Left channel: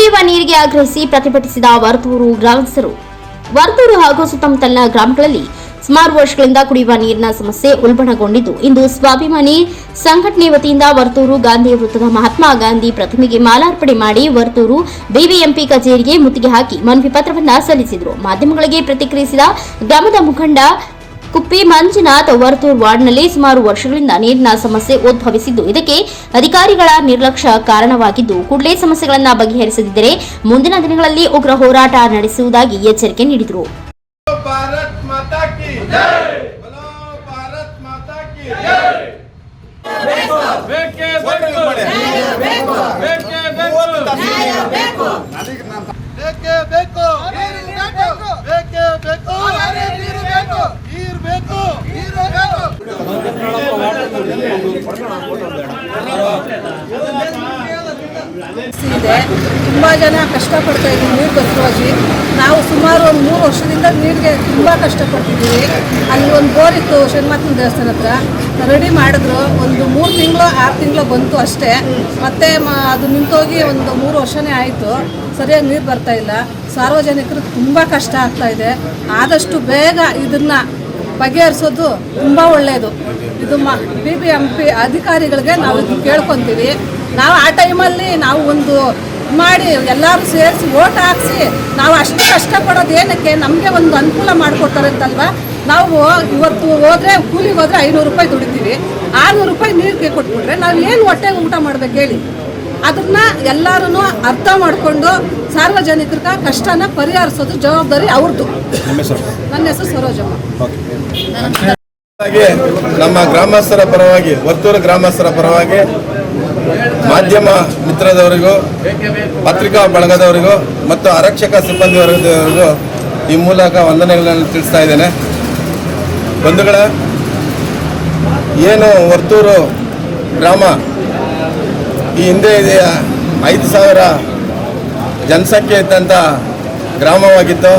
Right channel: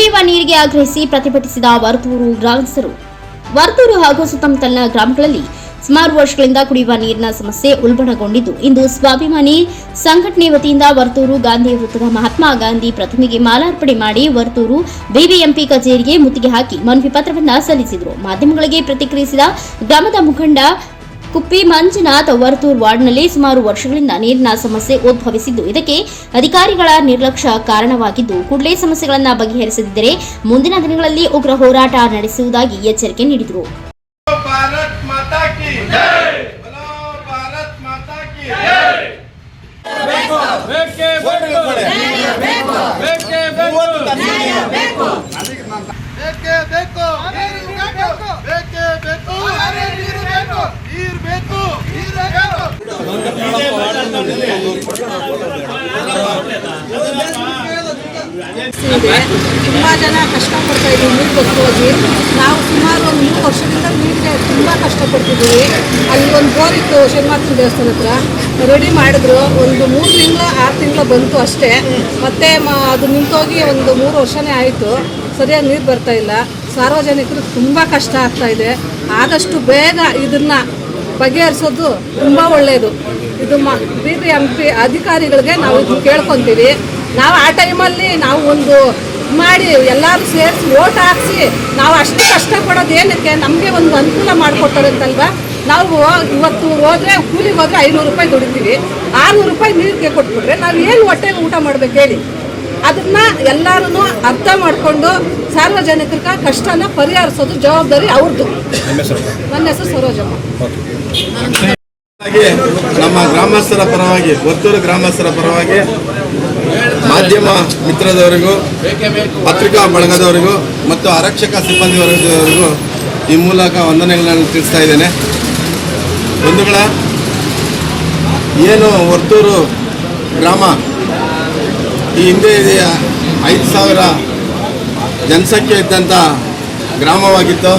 ಕುಡಿಯುವ ನೀರಿಗೆ ಆಗ್ರಹಿಸಿ ಪ್ರತಿಭಟಿಸಿದ ವರ್ತೂರು ಗ್ರಾಮಸ್ಥರು. ವರ್ತೂರು ಹಾಗೂ ಸುತ್ತಮುತ್ತಲಿನ ಗ್ರಾಮಗಳಲ್ಲಿ ಸುಮಾರು ವರ್ಷಗಳಿಂದ ಕುಡಿಯುವ ನೀರಿನ ಸಮಸ್ಯೆ ಉಲ್ಬಣಗೊಂಡಿದ್ದು, ಇಂದು ಸ್ವಾಭಿಮಾನಿ ಸಂಘಟನೆ ವತಿಯಿಂದ ವರ್ತೂರು ಗಾಂಧಿ ವೃತ್ತದ ಮಹಾತ್ಮ ಗಾಂಧಿ ಪ್ರತಿಮೆಗೆ ಮಾಲಾರ್ಪಣೆ ಮಾಡಿ ವರ್ತೂರು ಬಿಬಿಎಂಪಿ ಕಚೇರಿಗೆ ಮುತ್ತಿಗೆ ಹಾಕಿ ಮನವಿ ಪತ್ರವನ್ನು ಸಲ್ಲಿಸಿದರು. ಮಾಧ್ಯಮಗಳಿಗೆ ಪ್ರತಿಕ್ರಿಯಿಸಿದ ಗ್ರಾಮದ ಮುಖಂಡ ಕುಪ್ಪಿ ಮಂಜುನಾಥ್, ವರ್ತೂರು ವಾರ್ಡ್ನಲ್ಲಿ ಸುಮಾರು ವರ್ಷಗಳಿಂದ ನೀರಿನ ಸಮಸ್ಯೆ ಉದ್ಭವಿಸಿದ್ದು, ಇದಕ್ಕೆ ಅಧಿಕಾರಿಗಳ ನಿರ್ಲಕ್ಷ್ಯ ಕಾರಣವಾಗಿದ್ದು, ಕೂಡಲೇ ಸಮಸ್ಯೆಗಳನ್ನು ಬಗೆಹರಿಸದಿದ್ದರೆ ಮುಂದಿನ ದಿನಗಳಲ್ಲಿ ಉಗ್ರ ಹೋರಾಟ ನಡೆಸುವುದಾಗಿ ಎಚ್ಚರಿಕೆ ನೀಡಿದರು. ತುಂಬಾ ಜನ ಕಷ್ಟಪಡ್ತಾ ಇದ್ದೀವಿ ನೀರು ಬಸ್ಸೋಗಿ. ನಾವು ಸುಮಾರು ಒಂದು 3 ವರ್ಷದಿಂದ ನೀರಿಗೆ ತುಂಬ ಕಷ್ಟಪಡ್ತಿದ್ದೀವಿ. ಅಲ್ಲಿ ಒಂದು ಬೋರ್ ಇತ್ತು ಶನಿಮಾತನ ದೇವಸ್ಥಾನ ಹತ್ರ, ರೆಡಿ ಮಾಡಿದ್ರು. ಒಂದು 3 ತಿಂಗಳು 6 ತಿಂಗಳು ಬಂತು ಅಷ್ಟೇ. ಮತ್ತೆ ಅದು ನಿಂತೋಗಿ ಒಂದು 3 ವರ್ಷನೇ ಆಯಿತು. ಸರಿಯಾಗಿ ನೀರು ಬರ್ತಾ ಇಲ್ಲ. ಸಾರ್ವಜನಿಕರು ತುಂಬ ಕಷ್ಟ ಆಗ್ತಾ ಇದೆ. ಆದಷ್ಟು ಬೇಗ ಇದನ್ನ ಬಗೆಹರಿಸೋದು ತುಂಬ ಒಳ್ಳೆಯದು. ಇದು ಬಿಬಿಎಂಪಿ ಅಧಿಕಾರಿಗಳಿಗೆ ನಾವು ಇದನ್ನು ಕೇಳ್ಕೊತೀವಿ. ನಾವು ಆ ಟೈಮಲ್ಲಿ ನಾವು ಒಂದು ಮಾಡಿ ಎಲ್ಲರೂ ಸೇರಿಸಿ ಓಟ್ ಹಾಕಿಸಿ ನಾವು ಅಷ್ಟು ಕಷ್ಟಪಡೋದು ಏನಕ್ಕೆ, ನಮಗೆ ಒಂದು ಅನುಕೂಲ ಮಾಡಿಕೊಡ್ತಾರಂತಲ್ವ. ನಾವು ಇವತ್ತು ಹೋದರೆ ಕೂಲಿಗೆ ಹೋದರೆ 500 ರೂಪಾಯಿ ದುಡಿತೀವಿ. 600 ರೂಪಾಯಿ ನೀರಿಗೆ ಕೊಟ್ಬಿಟ್ರೆ ನಾವು ಏನು ಹೊಟ್ಟೆಗೆ ಊಟ ಮಾಡ್ಬೇಕು ಹೇಳಿ? ಅದನ್ನ ಎಲ್ಲರೂ ಅರ್ಥ ಮಾಡಿಕೊಂಡು ಸಾರ್ವಜನಿಕರ ಕಷ್ಟನ ಪರಿಹರಿಸೋದು ಜವಾಬ್ದಾರಿ ಅವ್ರದ್ದು. ನನ್ನ ಹೆಸರು ಸರೋಜಮ್ಮ. ನಮ್ಮ ಗ್ರಾಮಸ್ಥರ ಪರವಾಗಿ, ವರ್ತೂರು ಗ್ರಾಮಸ್ಥರ ಪರವಾಗಿ ಮಾಧ್ಯಮ ಮಿತ್ರದವರಿಗೂ, ಪತ್ರಿಕಾ ಬಳಗದವರಿಗೂ ಮತ್ತು ಆರಕ್ಷಕ ಸಿಬ್ಬಂದಿ ವರ್ಗದವರಿಗೂ ಈ ಮೂಲಕ ವಂದನೆಗಳನ್ನು ತಿಳಿಸ್ತಾ ಇದ್ದೇನೆ. ಬಂಧುಗಳೇ, ಏನು ವರ್ತೂರು ಗ್ರಾಮ ಈ ಹಿಂದೆ 5,000 ಜನಸಂಖ್ಯೆ ಇದ್ದಂಥ ಗ್ರಾಮವಾಗಿತ್ತು.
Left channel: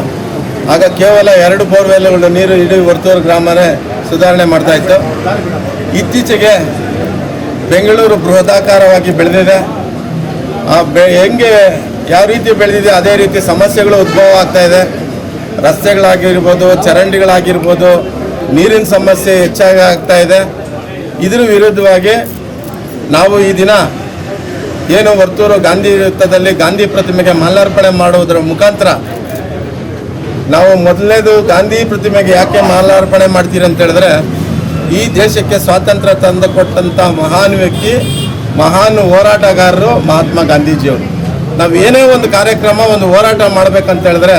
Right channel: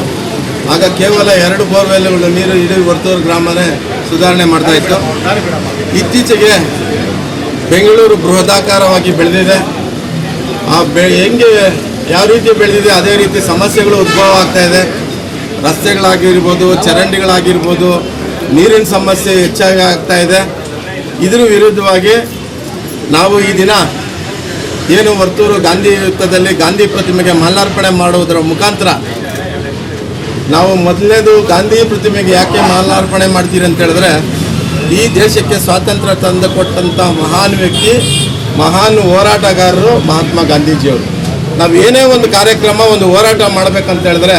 ಆಗ ಕೇವಲ 2 ಬೋರ್ವೆಲ್ಗಳು ನೀರು ಇಡೀ ವರ್ತೂರು ಗ್ರಾಮನೇ ಸುಧಾರಣೆ ಮಾಡ್ತಾಯಿತ್ತು. ಇತ್ತೀಚೆಗೆ ಬೆಂಗಳೂರು ಬೃಹದಾಕಾರವಾಗಿ ಬೆಳೆದಿದೆ. ಹೆಂಗೆ ಯಾವ ರೀತಿ ಬೆಳೆದಿದೆ ಅದೇ ರೀತಿ ಸಮಸ್ಯೆಗಳು ಉದ್ಭವ ಆಗ್ತಾ ಇದೆ. ರಸ್ತೆಗಳಾಗಿರ್ಬೋದು, ಚರಂಡಿಗಳಾಗಿರ್ಬೋದು, ನೀರಿನ ಸಮಸ್ಯೆ ಹೆಚ್ಚಾಗಿ ಆಗ್ತಾ ಇದೆ. ಇದರ ವಿರುದ್ಧವಾಗಿ ನಾವು ಈ ದಿನ ಏನು ವರ್ತೂರು ಗಾಂಧಿ ವೃತ್ತದಲ್ಲಿ ಗಾಂಧಿ ಪ್ರತಿಮೆಗೆ ಮಾಲಾರ್ಪಣೆ ಮಾಡುವುದರ ಮುಖಾಂತರ ನಾವು ಮೊದಲನೇದು ಗಾಂಧಿ ಪ್ರತಿಮೆಗೆ ಯಾಕೆ ಮಾಲಾರ್ಪಣೆ ಮಾಡ್ತೀರಿ ಅಂತ ಹೇಳಿದ್ರೆ, ಈ ದೇಶಕ್ಕೆ ಸ್ವಾತಂತ್ರ್ಯ ತಂದು ಕೊಟ್ಟಂಥ ಮಹಾನ್ ವ್ಯಕ್ತಿ, ಮಹಾನ್ ಹೋರಾಟಗಾರರು ಮಹಾತ್ಮ ಗಾಂಧೀಜಿಯವರು. ನಾವು ಏನೇ ಒಂದು ಕಾರ್ಯಕ್ರಮ, ಒಂದು ಹೋರಾಟ ಮಾಡಬೇಕಂತ ಹೇಳಿದ್ರೆ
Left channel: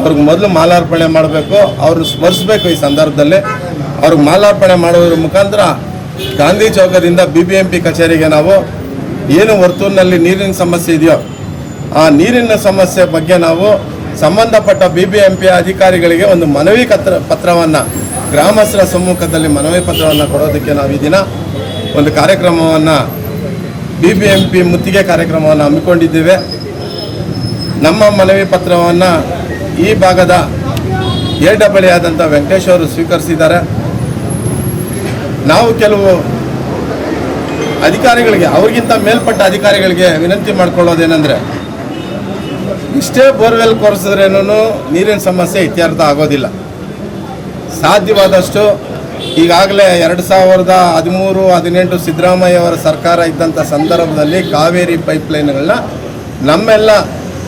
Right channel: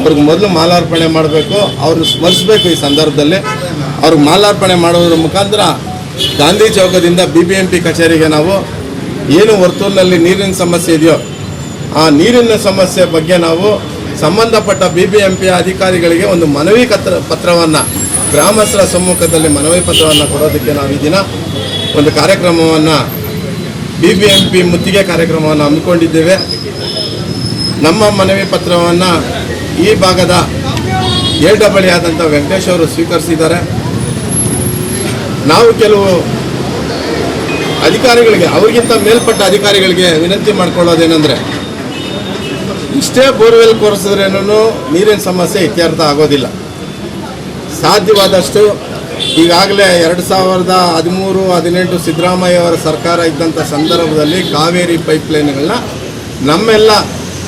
ಅವ್ರಿಗೆ ಮೊದಲು ಮಾಲಾರ್ಪಣೆ ಮಾಡಬೇಕು, ಅವ್ರನ್ನ ಸ್ಮರಿಸಬೇಕು. ಈ ಸಂದರ್ಭದಲ್ಲಿ ಅವ್ರಿಗೆ ಮಾಲಾರ್ಪಣೆ ಮಾಡೋದ್ರ ಮುಖಾಂತರ ಗಾಂಧಿ ಚೌಕದಿಂದ BBMP ಕಚೇರಿಗೆ ನಾವು ಏನು ವರ್ತೂರಿನಲ್ಲಿ ನೀರಿನ ಸಮಸ್ಯೆ ಇದೆಯೋ ಆ ನೀರಿನ ಸಮಸ್ಯೆ ಬಗ್ಗೆ ನಾವು ಸಂಬಂಧಪಟ್ಟ BBMP ಅಧಿಕಾರಿಗಳಿಗೆ ಒಂದು ಮನವಿ ಪತ್ರವನ್ನು, ಗ್ರಾಮಸ್ಥರ ಸಮ್ಮುಖದಲ್ಲಿ ಮನವಿ ಪತ್ರವನ್ನು ಕೊಡೋದಕ್ಕೆ ನಾವು ಈ ದಿನ ಒಂದು ಕಾರ್ಯಕ್ರಮವನ್ನು, BBMP ಮುತ್ತಿಗೆ ಕಾರ್ಯಕ್ರಮವನ್ನು ಹಮ್ಮಿಕೊಂಡಿದ್ದೇವೆ. ನಮ್ಮ ಮನವಿ ಪತ್ರವನ್ನು ಈ ಭಾಗದ AW ಆದಂಥ ವೆಂಕಟೇಶ್ ಅವರು ಸ್ವೀಕರಿಸಿದ್ದಾರೆ. ನಾವು ಕೆಲವು ಅಧಿಕಾರಿಗಳಿಗೆ, ಅವರಿಗಿಂತ ಮೇಲ್ಪಟ್ಟ ಅಧಿಕಾರಿಗಳಿಗೆ ವಿನಂತಿ ಮಾಡ್ಕೊಳ್ಳೋದೇನೆಂದರೆ, ಇಷ್ಟೇ ಬೋರ್ವೆಲ್ ಕೊರೆಸಿದ್ರೇನೂ ನೀರಿನ ಸಮಸ್ಯೆ ಇತ್ಯರ್ಥ ಆಗೋದಿಲ್ಲ. ಸಾಧ್ಯವಾದಷ್ಟು ಈಗಾಗಲೇ 2013-18 ಸಿದ್ದರಾಮಯ್ಯ ಅವರ ಸರ್ಕಾರ ಇದ್ದಂಥ ಸಂದರ್ಭದಲ್ಲಿ ಕಾವೇರಿ ಪೈಪ್ಲೈನ್ಗಳನ್ನ ನಮ್ಮೆಲ್ಲ